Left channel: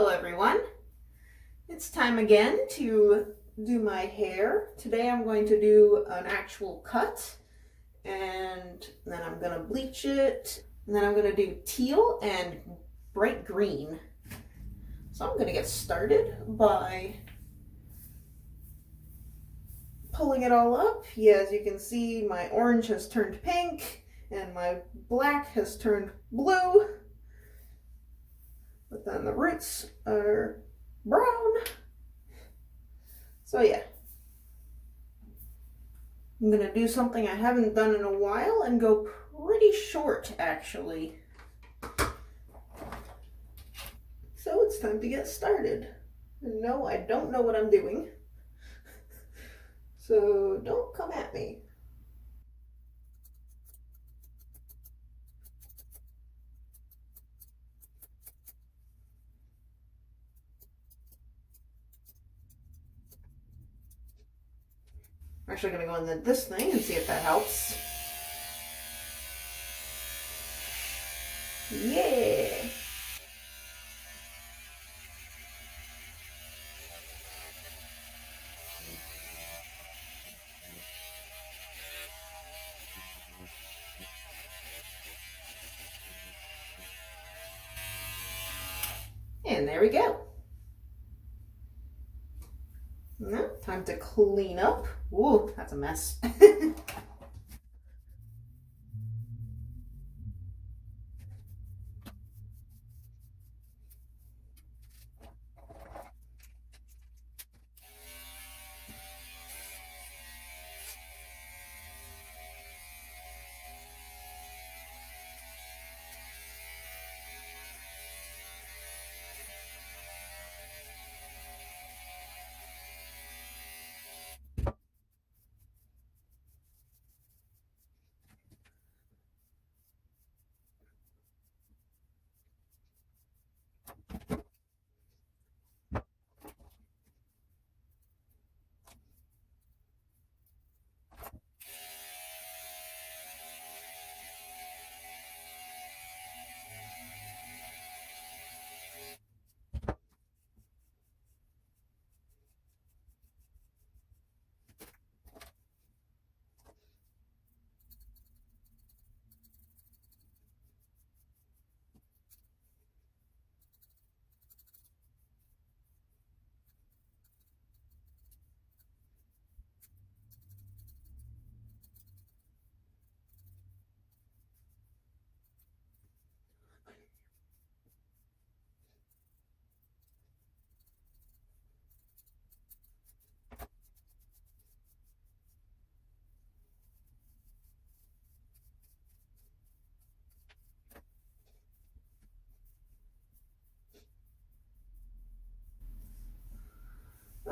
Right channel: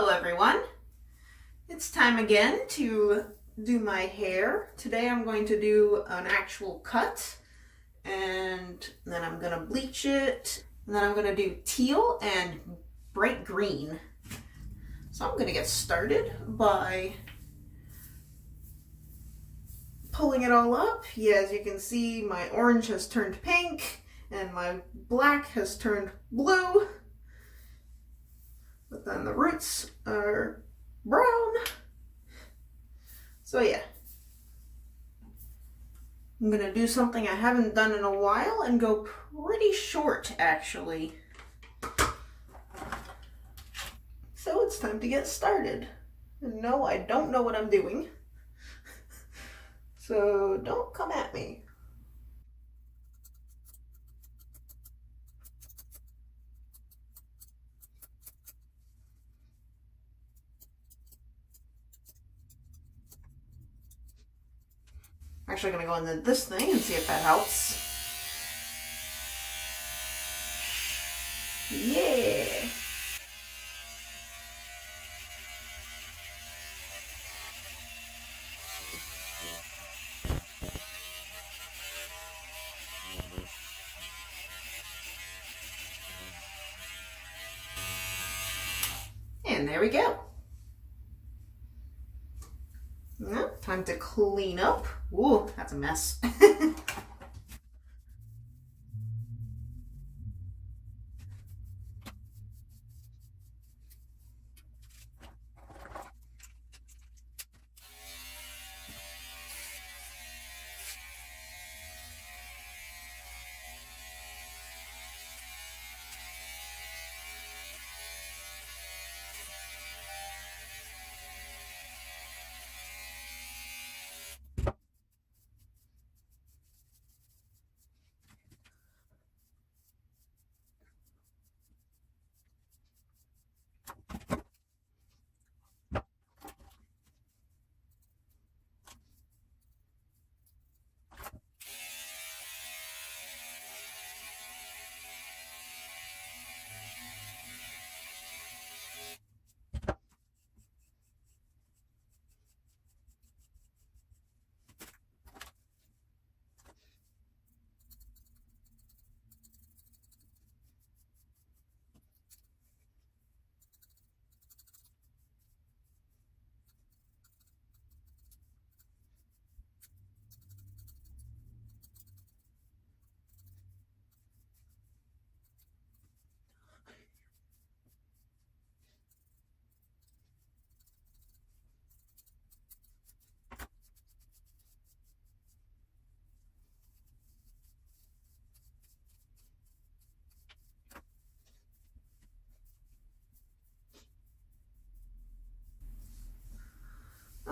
Hello everyone. It's time again to do my hair. Today I'm going to do an actual cut and then I'm going to bleach it and then I'm going to do teal and bright green. So I'm going to get started by pulling it all up. Yeah, as you can see, my orange has turned pink and my black has turned blue. But then the roots are brown. So yeah, I'm gonna do something I haven't done in a while and go pretty short actually. So it's time to get started. And no, I don't know what I'm doing. So don't come at me. I'm actually gonna go into this thing and see if that helps. Yeah. And there we go. Now, time to clean up. Ooh, that's a mess.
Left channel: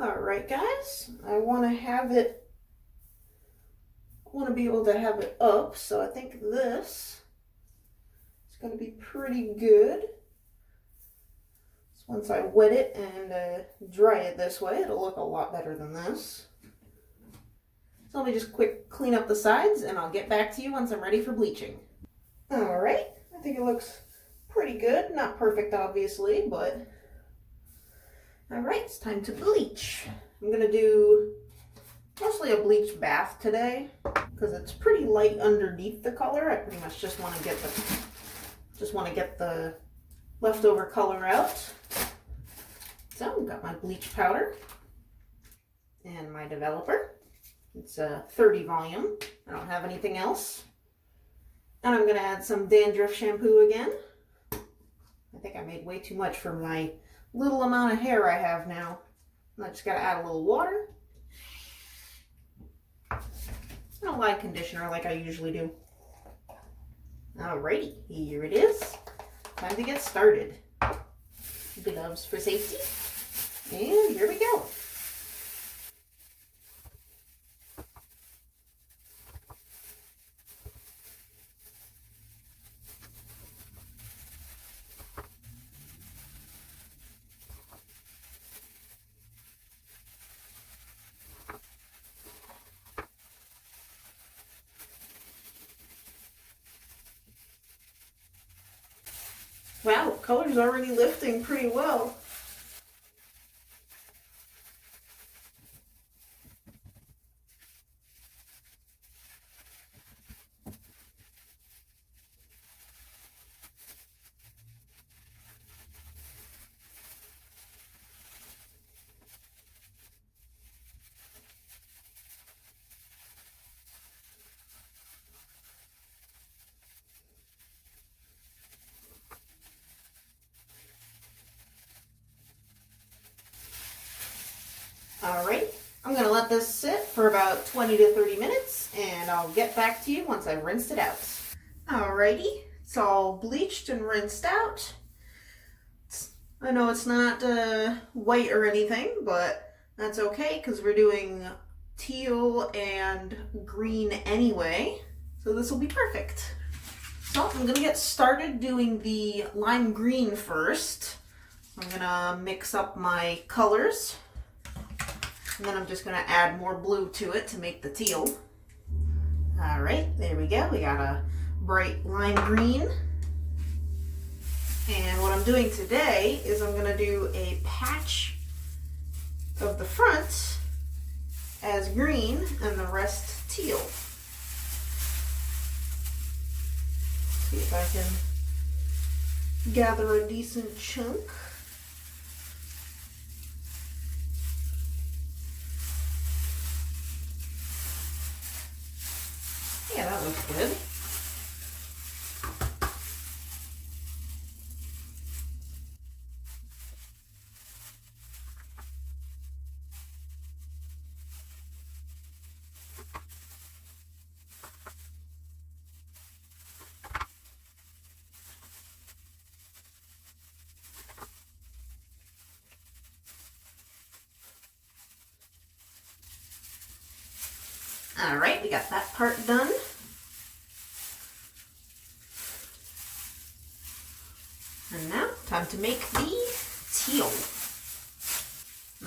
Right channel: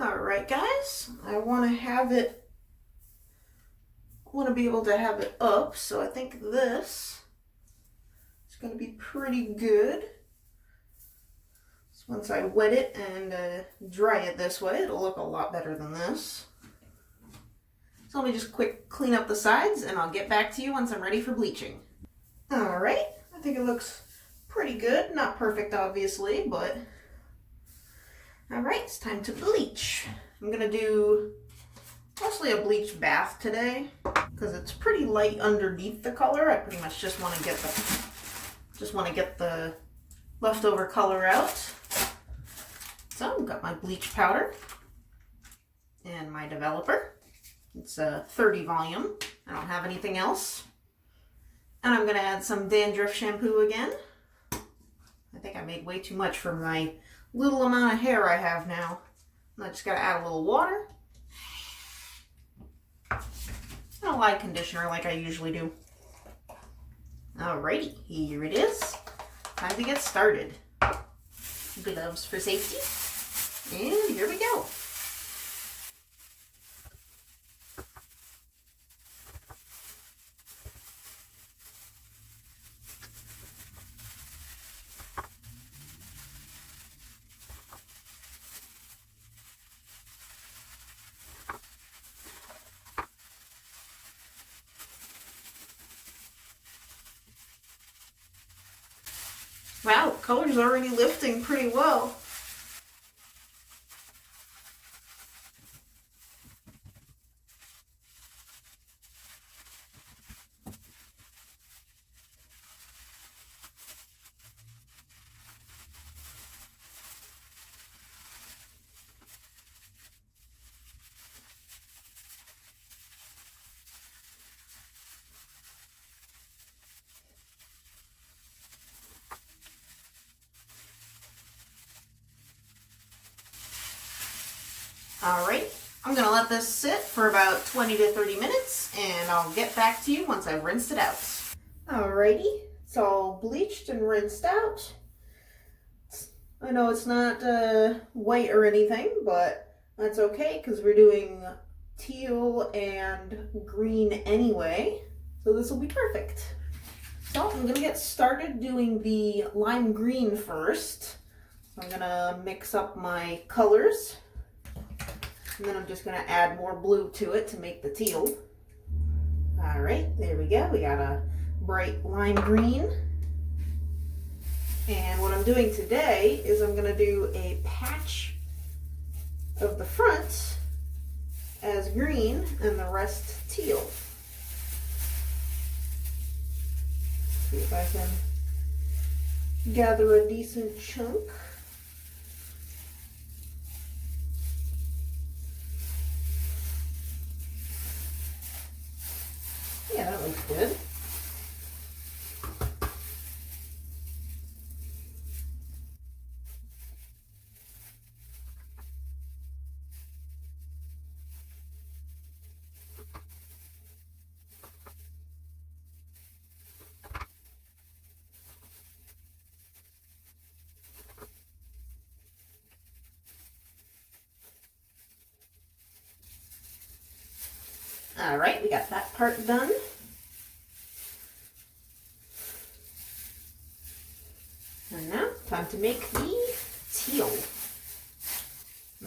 Alright guys, I want to be able to have it up, so I think this is going to be pretty good. So once I wet it and dry it this way, it'll look a lot better than this. So let me just quick clean up the sides and I'll get back to you once I'm ready for bleaching. Alright, I think it looks pretty good. Not perfect obviously, but alright, it's time to bleach. I'm going to do mostly a bleach bath today because it's pretty light underneath the color. I pretty much just want to get the leftover color out. So I've got my bleach powder and my developer. It's a 30 volume. I don't have anything else. And I'm going to add some dandruff shampoo again. I think I made way too much for my little amount of hair I have now. And I just got to add a little water. And a light conditioner like I usually do. Alrighty, here it is. Time to get started. Gloves for safety. And here we go. Wow, color's already lifting pretty well. All right, I'm gonna let this sit for about 20 to 30 minutes and I'll get back to you once I've rinsed it out. Alrighty, it's all bleached and rinsed out. I know it's not white or anything, but that's okay because we're doing teal and green anyway, so this will be perfect. So I'm gonna get started doing the lime green first. I'm gonna mix up my colors, and then I'm just gonna add more blue to it to make the teal. All right, there we go. We got a bright lime green. And what I'm doing today is I'm gonna do a patch of the front as green and the rest teal. See if I can gather a decent chunk. Yeah, that looks good. All right, we got that part done. And now, time to make the teal.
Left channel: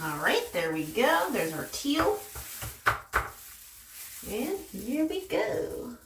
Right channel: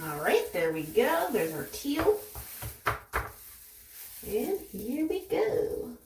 All right, there we go. There's our teal. And here we go.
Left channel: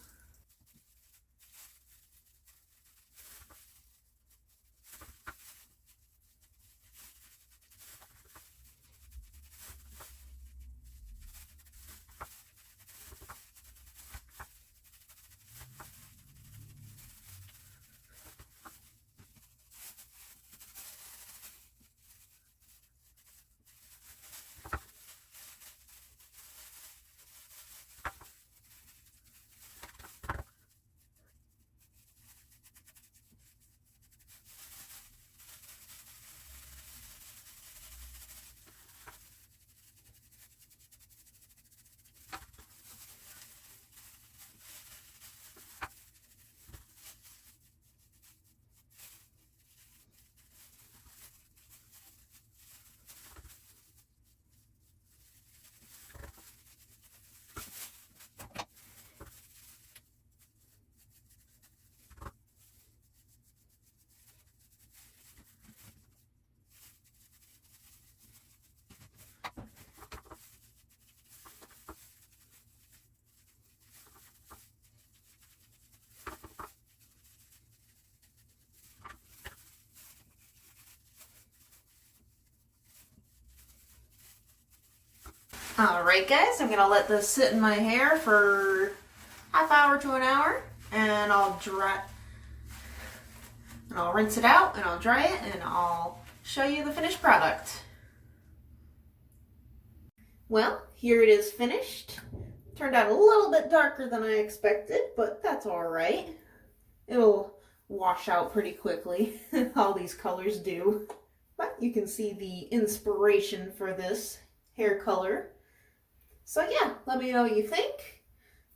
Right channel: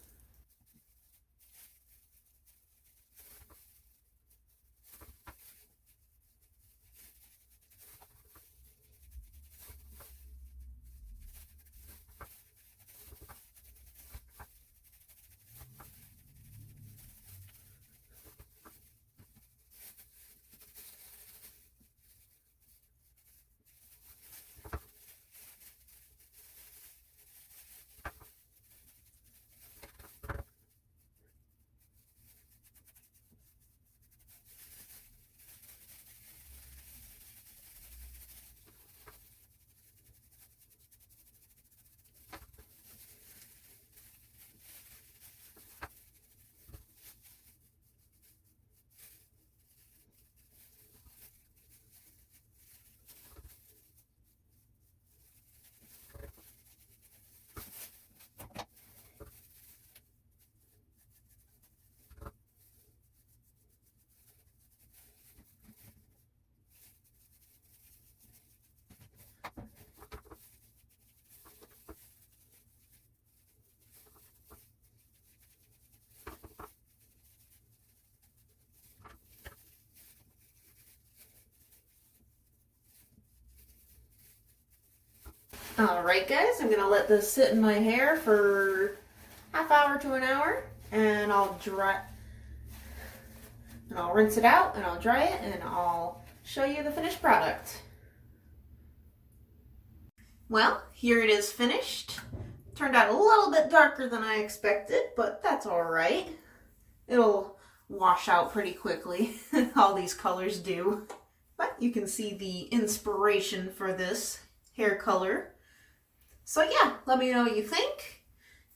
All right, guys, I'm gonna let this sit in my hair for half hour to an hour, and I'll rinse it out, and I'll dry it, and I'll show you the finished product. Well, here it is finished. Turned out a little bit darker than I expected, but that's all right. It'll wash out pretty quickly. All these colors do. But you can see the inspiration for this hair color. So yeah, let me know what you think.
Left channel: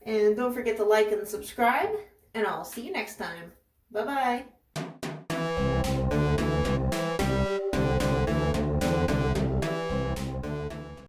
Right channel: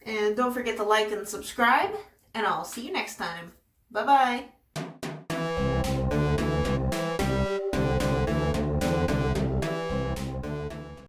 And don't forget to like and subscribe. And I'll see you next time. Bye-bye.